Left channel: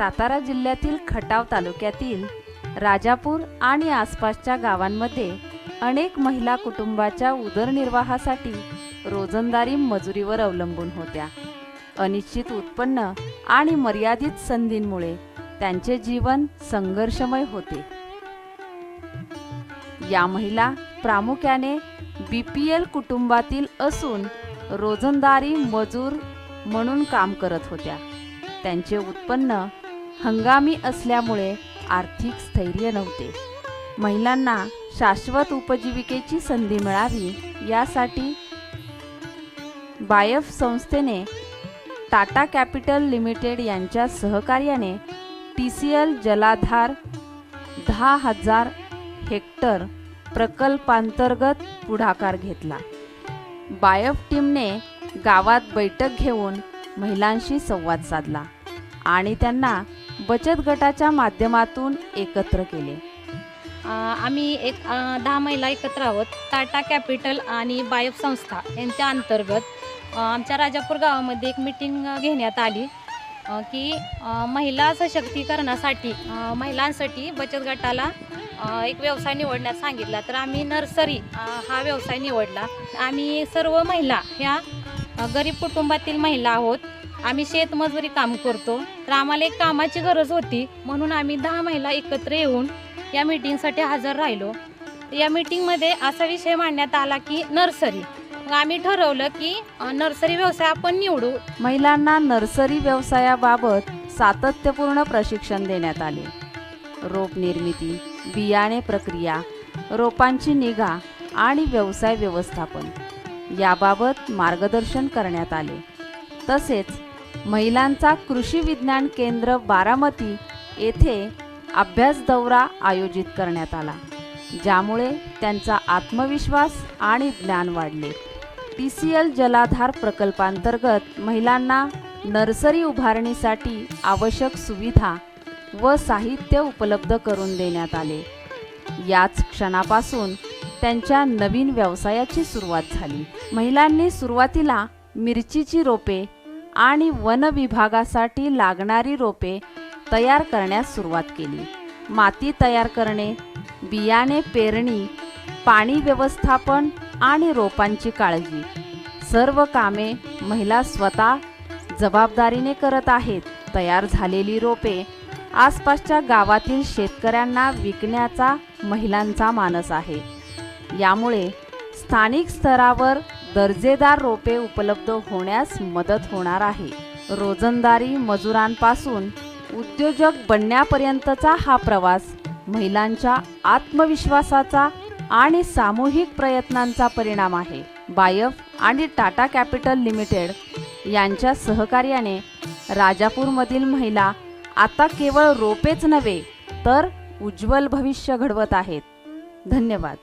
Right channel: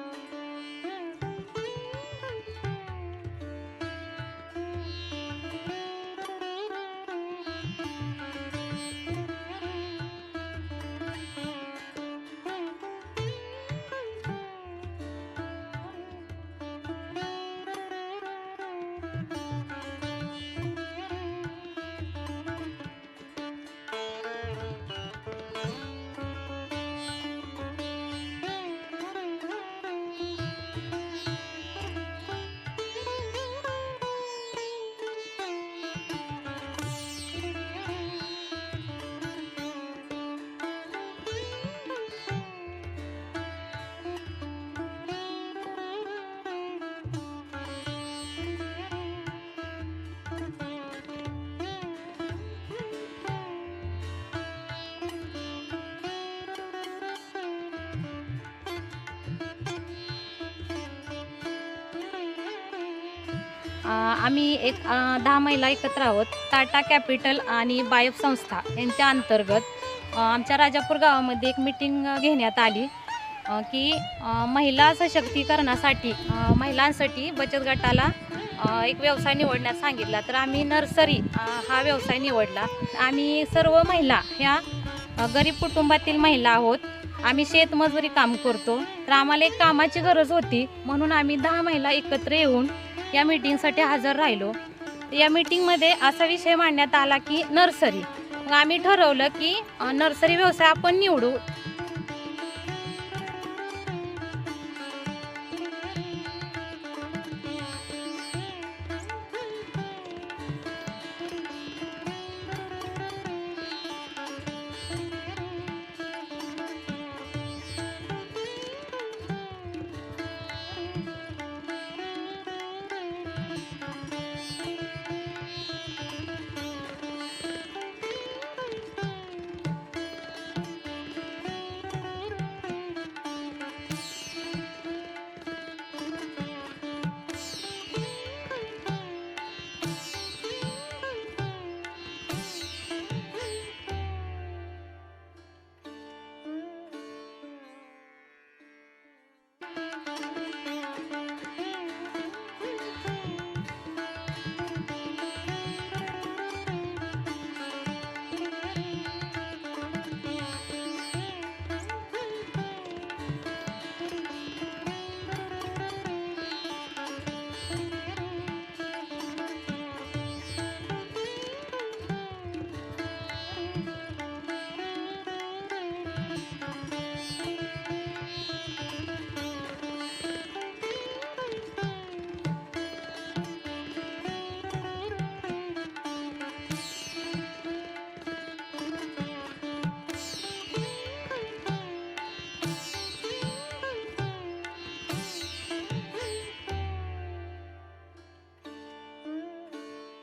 सातारा जिल्ह्यातील खटाव तालुक्यातील राजापूर आणि आसपासच्या गावांमध्ये अनेक महिला कुटुंबाच्या उदरनिर्वाहासाठी रोजंदारी मजुरीवर अवलंबून होत्या। अनिश्चित उत्पन्न आणि मर्यादित संधींमुळे त्यांचे जीवन संघर्षमय होते। या महिला प्रामुख्याने बीपीएल कुटुंबातील असून रोजंदारी मजूर म्हणून काम करत होत्या। त्यांचे उत्पन्न हंगामी असल्यामुळे आर्थिक स्थैर्य नव्हते। महिलांना शाश्वत उपजीविकेची संधी मिळावी यासाठी बायफ संस्थेने टाटा कॅपिटल लिमिटेड यांच्या सहकार्याने TCL जलाधार 10,000 हेक्टर प्रकल्पांतर्गत पुढाकार घेतला। बायफ टीमने गावात बैठक घेऊन महिलांशी संवाद साधला आणि त्यांना बचत गटाच्या माध्यमातून एकत्र केले। आम्ही 10 महिला एकत्र आहोत। टाटा कॅपिटल आणि बायफ संस्था यांच्या अंतर्गत आमच्या राजापूर गावामध्ये एक मीटिंग घेण्यात आली की महिला सशक्तीकरणासाठी महिलांसाठी बचत गटाला एक व्यवसाय निवडण्यास सांगितला। तर आम्ही नर्सरी हा व्यवसाय निवडला। आम्ही सर्व महिला ह्या गरीब कुटुंबातील महिला आहोत। आम्ही शेतमजुरी काम करतो। तर आम्हाला एक कामाची गरज होती म्हणून आम्ही 10 महिला एकत्र येऊन या मीटिंगसाठी हजर राहिलो। या मीटिंगमध्ये असा विषय मांडण्यात आला की नर्सरी। मग आम्ही ठरवलं की नर्सरी व्यवसाय आपण निवडू। महिलांना नर्सरी व्यवसायाबाबत सातत्यपूर्ण प्रशिक्षण देण्यात आले। रोप निर्मिती, बियाणे प्रक्रिया, रोपांची निगा आणि व्यवसाय व्यवस्थापन याबाबत मार्गदर्शन करण्यात आले। तसेच महिलांचा कृषी विज्ञान केंद्र बारामती येथे अभ्यास दौरा आयोजित करण्यात आला, ज्यामुळे त्यांचा आत्मविश्वास आणि ज्ञान वाढले। TCL जलाधार प्रकल्पांतर्गत महिलांना नर्सरी उभारणीसाठी आवश्यक सुविधा व साहित्य उपलब्ध करून देण्यात आले। याच क्षणापासून त्यांच्या नवीन व्यवसायाची सुरुवात झाली। महिलांनी सुरुवातीला मिरचीची रोपे आणि वन विभागासाठी लागणारी रोपे तयार करण्यास सुरुवात केली। माती तयार करणे, बियाणे पेरणी, पाणी व्यवस्थापन आणि रोपांची काळजी सर्व कामे महिला स्वतः जबाबदारीने करत आहेत। तयार झालेली रोपे आसपासच्या गावातील शेतकऱ्यांना विकण्याचा महिलांचा मानस आहे। यामुळे स्थानिक स्तरावर दर्जेदार रोपे उपलब्ध होण्यास मदत होणार आहे। रोजंदारी मजुरांपासून उद्योजक बनण्यापर्यंतचा हा प्रवास महिलांच्या आत्मविश्वासाचा आणि सामूहिक प्रयत्नांचा परिणाम आहे। बायफ आणि टाटा कॅपिटल लिमिटेड यांच्या सहकार्याने राजापूरमधील महिला आता केवळ रोपेच नव्हे तर उज्ज्वल भविष्य घडवत आहेत। धन्यवाद।